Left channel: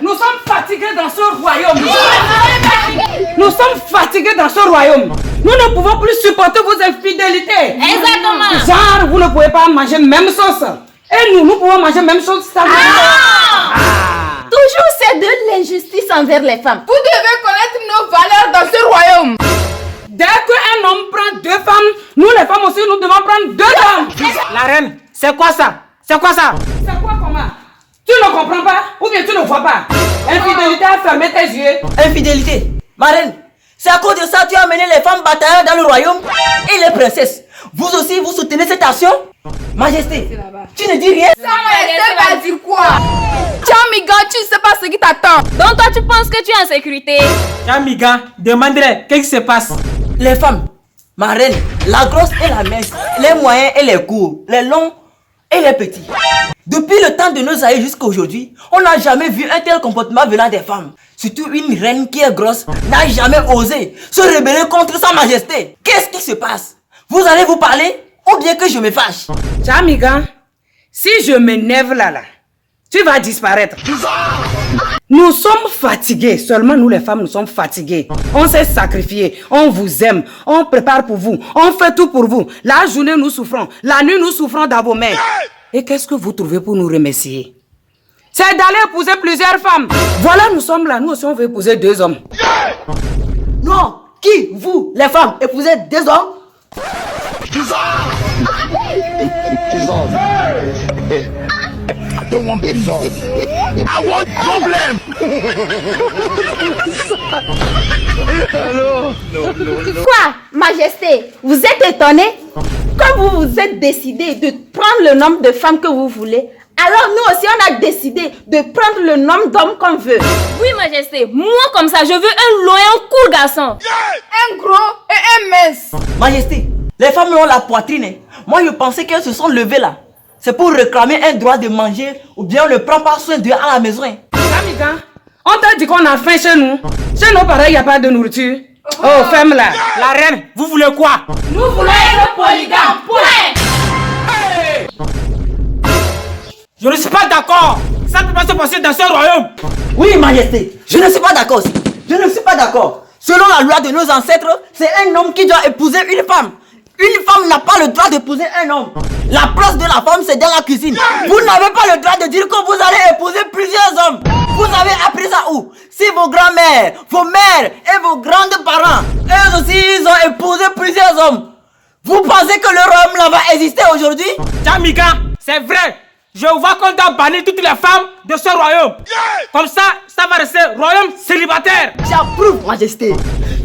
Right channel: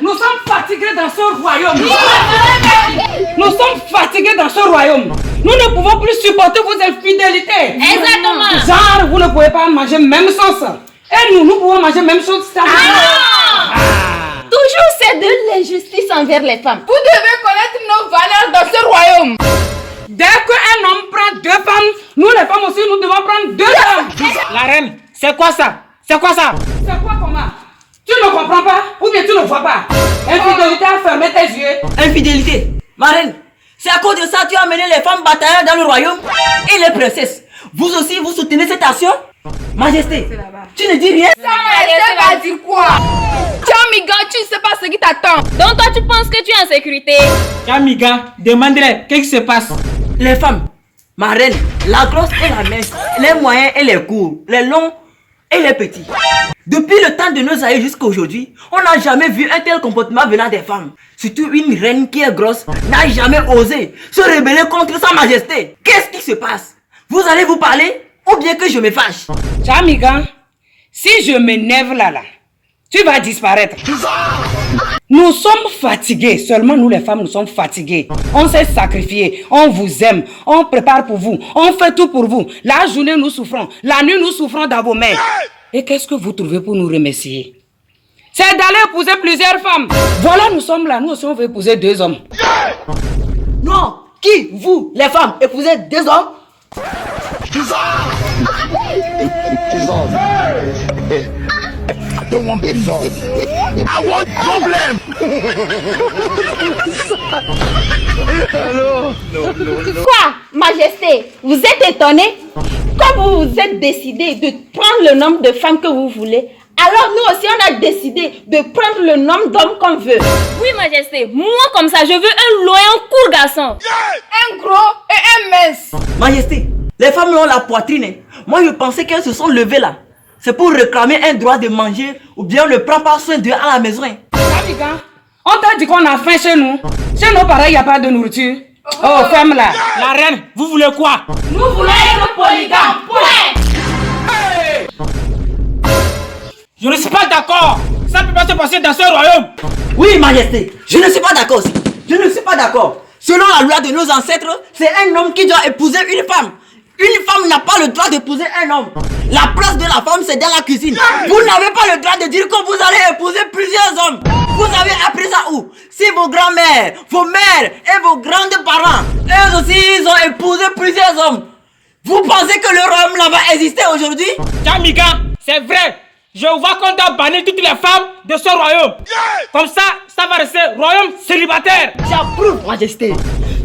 Nous sommes fatigués dans ce royaume. Nous sommes fatigués dans ce royaume. Nous ne pouvons plus supporter vos infidélités. Exactement. Genre, vous ne pouvez pas manger même sauce. Et nous pouvons manger même chose. Toujours c'est de l'injustice envers les femmes. Vous devez connaître nos valeurs dans ce royaume. Dès qu'un homme prend 2 femmes, nous les femmes aussi, nous devons prendre 2 hommes. La reine, c'est quoi ça? C'est quoi ça? C'est quoi comment? Tu ne comprends pas ou bien tu ne vois pas? Infidélité a fermé tes yeux. Infidélité. Ma reine, c'est à cause de ça que tu as amené les femmes bataillères dans le royaume et les princesses. Vous aussi, vous soutenez cette action? Majesté, tu ne dis rien? Sa majesté va dire quoi? Chamigan, tu ne sais pas ce qui t'attend. Donc toi tu penses que tu es en sécurité? Kamiga, demande-les, qu'est-ce qui se passe? Les femmes, ma reine, la grosse et la mince, les moyens et les courts, les longs et les petits. Depuis le temps de nos aïeux jusqu'à aujourd'hui, on n'a jamais vu un tel comportement venant des femmes. Surtout une reine qui est grosse n'a jamais osé se rebeller contre sa majesté. Qu'est-ce qui se passe? Vous allez vous parler ou bien que je me fâche? Chamigan, si je m'énerve là, tu vas disparaître. Nous sommes fatigués, seulement nous les femmes, nous sommes fatigués. On s'est sacrifié, on vous aime, on prépare pour vous, on fait tout pour vous. La journée nous souffrons, la nuit nous souffrons dans vos mains. Et qu'est-ce que vous trouvez pour nous remercier? C'est d'aller épouser plusieurs femmes. Voilà, nous sommes là, nous aussi on veut épouser 2 hommes. Non, qui? Vous, les femmes, épousez 2 hommes? I don't want peace. I want problem. Quoi, majesté? Vous êtes étonné? Comme vous vous êtes décidé de prendre le nombre de femmes que vous voulez, alors nous aussi on a décidé de prendre le nombre d'hommes qu'on veut. Oui, majesté, moi comme ça, je veux un loyal court garçon. Un gros et un mince. Majesté, les femmes ont la poitrine. Moi je pensais qu'elles se sont levées là. C'est pour réclamer un droit de manger ou bien on ne prend pas soin d'eux à la maison. Chamigan, on t'a dit qu'on a faim chez nous. Chez nos parents, il n'y a pas de nourriture. Oh, ferme là. La reine, vous voulez quoi? Nous voulons être polygames. Point. Je ne suis pas d'accord. Ça ne peut pas se passer dans ce royaume. Oui, majesté, je ne suis pas d'accord. Je ne suis pas d'accord. Selon la loi de nos ancêtres, c'est un homme qui doit épouser une femme. Une femme n'a pas le droit d'épouser un homme. La place de la femme, c'est dans la cuisine. Vous n'avez pas le droit de dire que vous allez épouser plusieurs hommes. Vous avez appris ça où? Si vos grands-mères, vos mères et vos grands-parents, eux aussi, ils ont épousé plusieurs hommes. Vous pensez que le royaume là va exister aujourd'hui? Kamiga, c'est vrai. Je vois qu'on doit bannir toutes les femmes de ce royaume. Comme ça va rester royaume célibataire. J'approuve, majesté.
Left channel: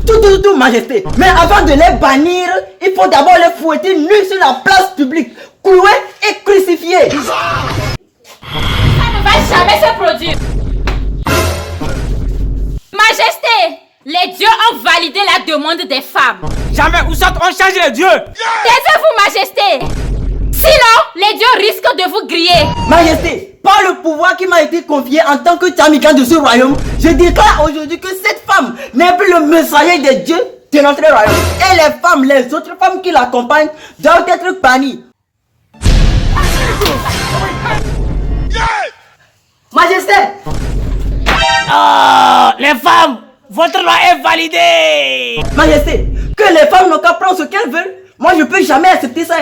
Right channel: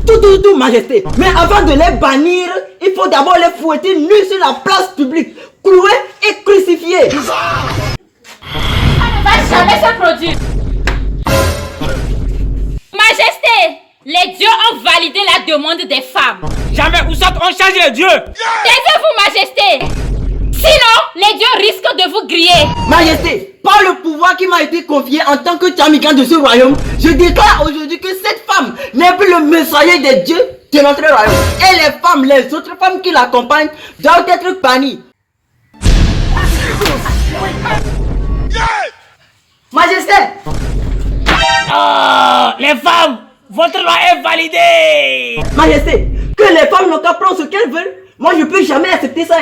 Tout, majesté. Mais avant de les bannir, il faut d'abord les fouetter nus sur la place publique, cloués et crucifiés. Ça ne va jamais se produire. Majesté, les dieux ont validé la demande des femmes. Jamais, où ça, on change les dieux. Taisez-vous, majesté. Sinon, les dieux risquent de vous griller. Majesté, par le pouvoir qui m'a été confié en tant que Chamigan de ce royaume, je déclare aujourd'hui que cette femme n'est plus le messager des dieux de notre royaume. Et les femmes, les autres femmes qui l'accompagnent doivent être bannies. Majesté! Oh, les femmes, votre loi est validée. Majesté, que les femmes n'ont qu'à prendre ce qu'elles veulent. Moi, je ne peux jamais accepter ça.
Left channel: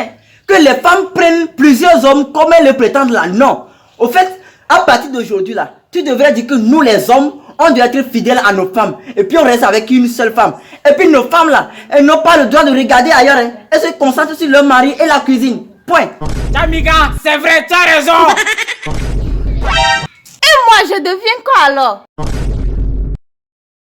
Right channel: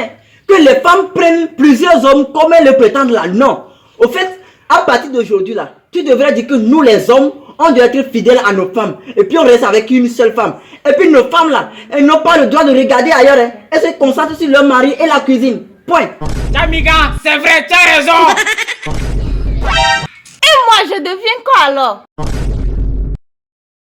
Que les femmes prennent plusieurs hommes comme elles le prétendent là. Non. Au fait, à partir d'aujourd'hui là, tu devrais dire que nous les hommes, on doit être fidèles à nos femmes. Et puis on reste avec une seule femme. Et puis nos femmes là, elles n'ont pas le droit de regarder ailleurs. Elles se concentrent sur leur mari et la cuisine. Point. Kamiga, c'est vrai, tu as raison. Et moi, je deviens quoi alors?